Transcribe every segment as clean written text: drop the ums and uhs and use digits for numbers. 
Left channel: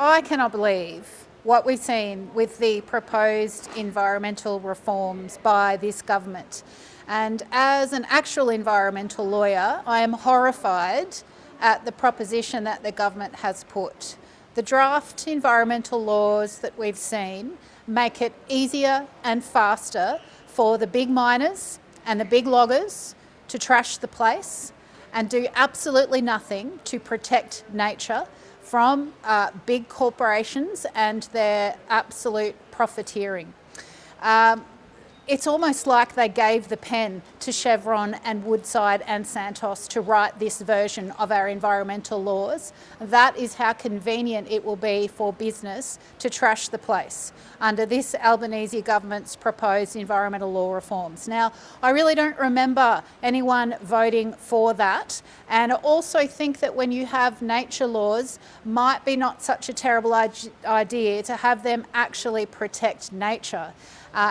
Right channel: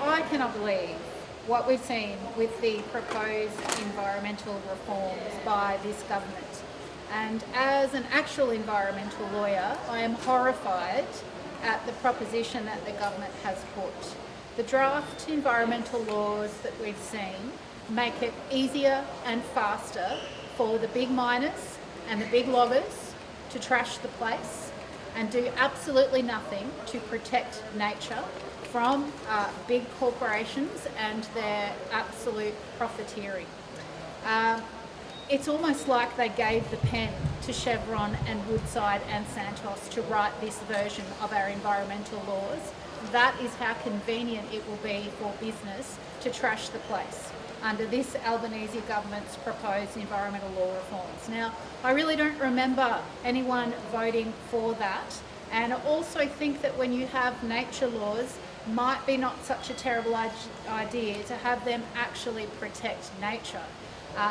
I cannot believe what we've seen with the proposed environmental reforms by this government. And as an actual environmental lawyer, I am horrified at the proposition that the government has put. The draft environmental laws that we've seen make it easier and faster for the big miners and the big loggers to trash the place and do absolutely nothing to protect nature from big corporations and their absolute profiteering. It's almost like they gave the pen to Chevron and Woodside and Santos to write this version of our environmental laws. That is how convenient it will be for business to trash the place under this Albanese government's proposed environmental law reforms. Now, I really don't remember anyone voting for that. And I also think that when you have nature laws, might be not such a terrible idea to have them actually protect nature.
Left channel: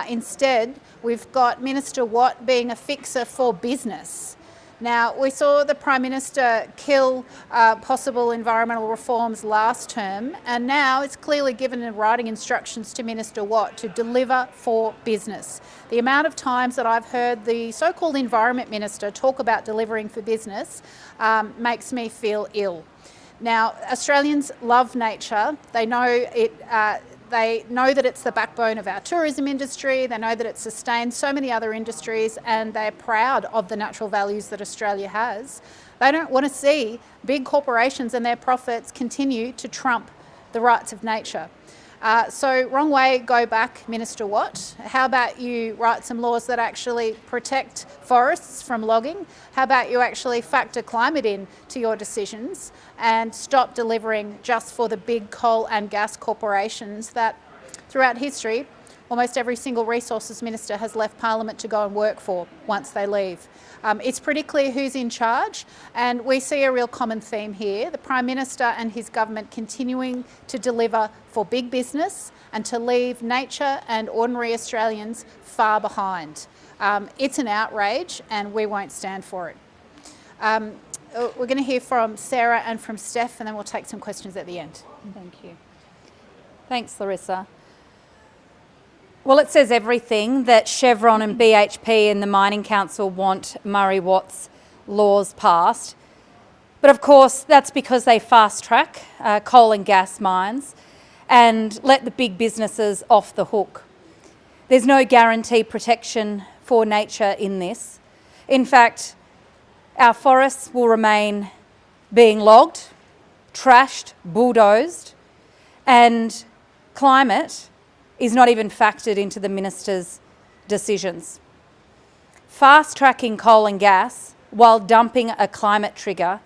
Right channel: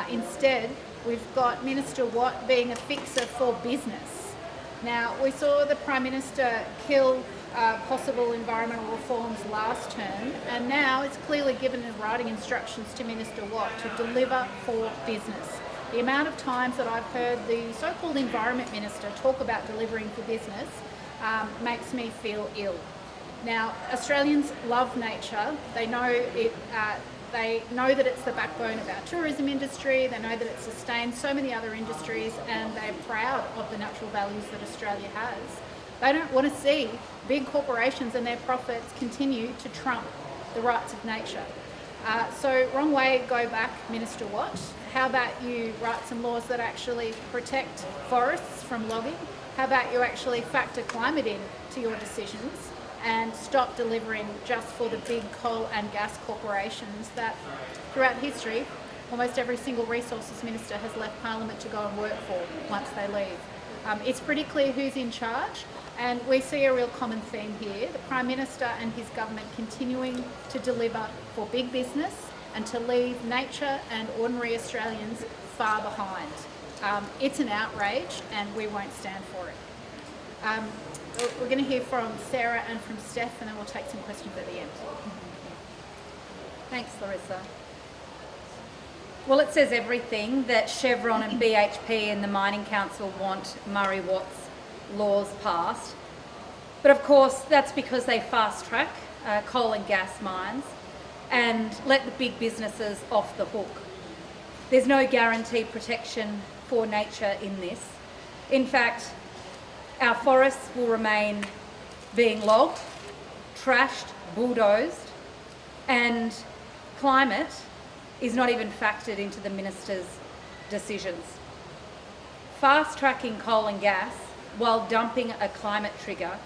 Instead, we've got Minister Watt being a fixer for business. Now, we saw the Prime Minister kill possible environmental reforms last term, and now it's clearly given in writing instructions to Minister Watt to deliver for business. The amount of times that I've heard the so-called Environment Minister talk about delivering for business makes me feel ill. Now, Australians love nature. They know it. They know that it's the backbone of our tourism industry. They know that it sustains so many other industries, and they're proud of the natural values that Australia has. They don't want to see big corporations and their profits continue to trump the rights of nature. So wrong way, go back, Minister Watt. How about you write some laws that actually protect forests from logging? How about you actually factor climate in to your decisions and stop delivering just for the big coal and gas corporations that throughout history, almost every single resources minister has left Parliament to go and work for once they leave. It's pretty clear who's in charge, and we see a real common theme here. The Prime Minister and his government continuing to deliver for big business and to leave nature and ordinary Australians far behind. It's an outrage, and we won't stand for it. We're going to hear from Sarah and from Steph, and then we'll take some questions at the end. Thank you. Thanks, Larissa. Well, it says everything that Chevron and BHP and the Mining Council want Murray Watt's laws passed. But of course, that's because they fast-track coal and gas mines and let the big businesses off the hook. There's no guaranteed protection for nature in this. In fact, our forests will remain being logged, trashed, bulldozed, and climate is not even factored into the minister's decisions. Fast-tracking coal and gas while dumping a climate trigger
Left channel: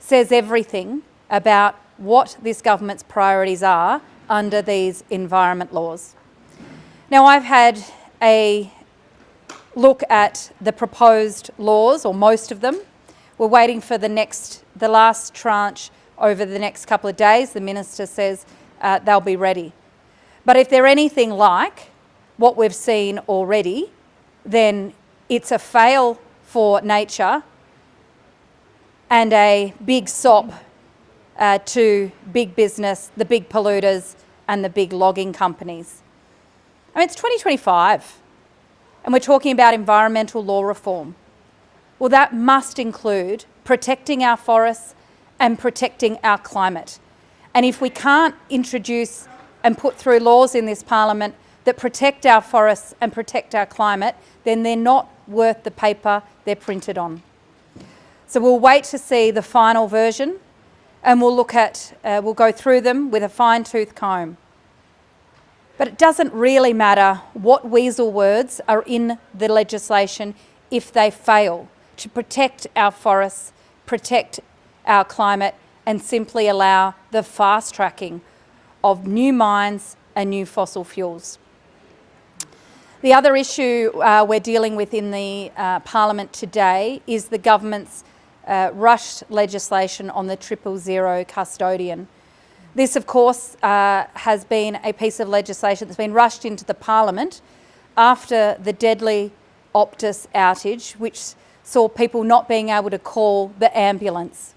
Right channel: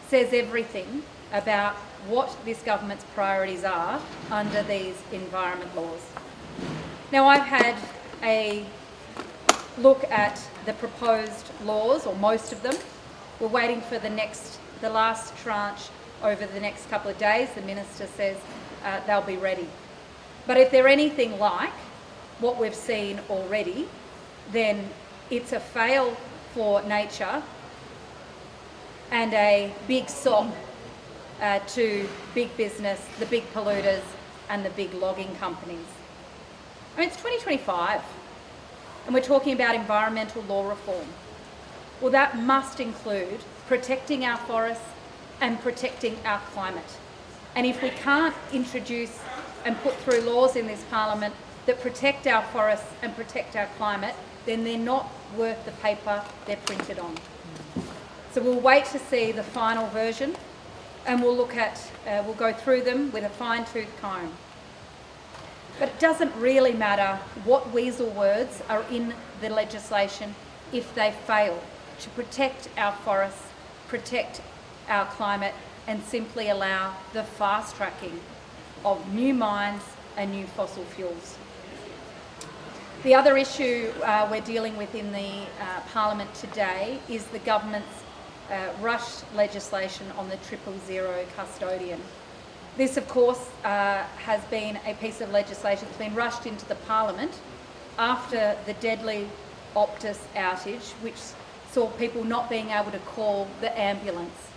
says everything about what this government's priorities are under these environment laws. Now, I've had a look at the proposed laws, or most of them. We're waiting for the last tranche over the next couple of days. The minister says they'll be ready. But if they're anything like what we've seen already, then it's a fail for nature and a big sop to big business, the big polluters and the big logging companies. I mean, it's 2025 and we're talking about environmental law reform. Well, that must include protecting our forests and protecting our climate. And if we can't introduce and put through laws in this Parliament that protect our forests and protect our climate, then they're not worth the paper they're printed on. So we'll wait to see the final version, and we'll go through them with a fine-tooth comb. But it doesn't really matter what weasel words are in the legislation if they fail to protect our forests, protect our climate, and simply allow the fast-tracking of new mines and new fossil fuels. The other issue we're dealing with in the Parliament today is the government's rushed legislation on the 000 custodian. This, of course, has been a piece of legislation that's been rushed into the Parliament after the deadly Optus outage, which saw people not being able to call the ambulance,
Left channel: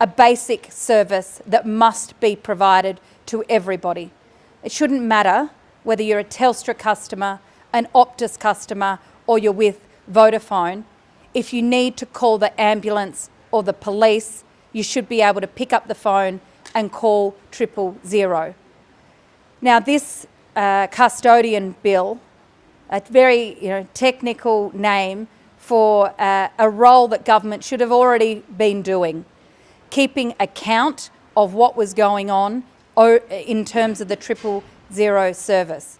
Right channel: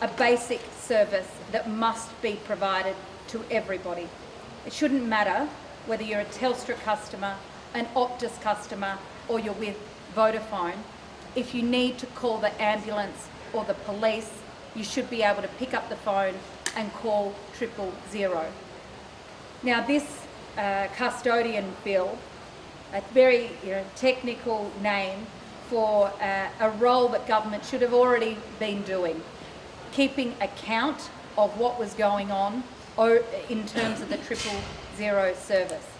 a basic service that must be provided to everybody. It shouldn't matter whether you're a Telstra customer, an Optus customer, or you're with Vodafone. If you need to call the ambulance or the police, you should be able to pick up the phone and call 000. Now, this custodian bill, a very technical name for a role that government should have already been doing, keeping account of what was going on in terms of the 000 service.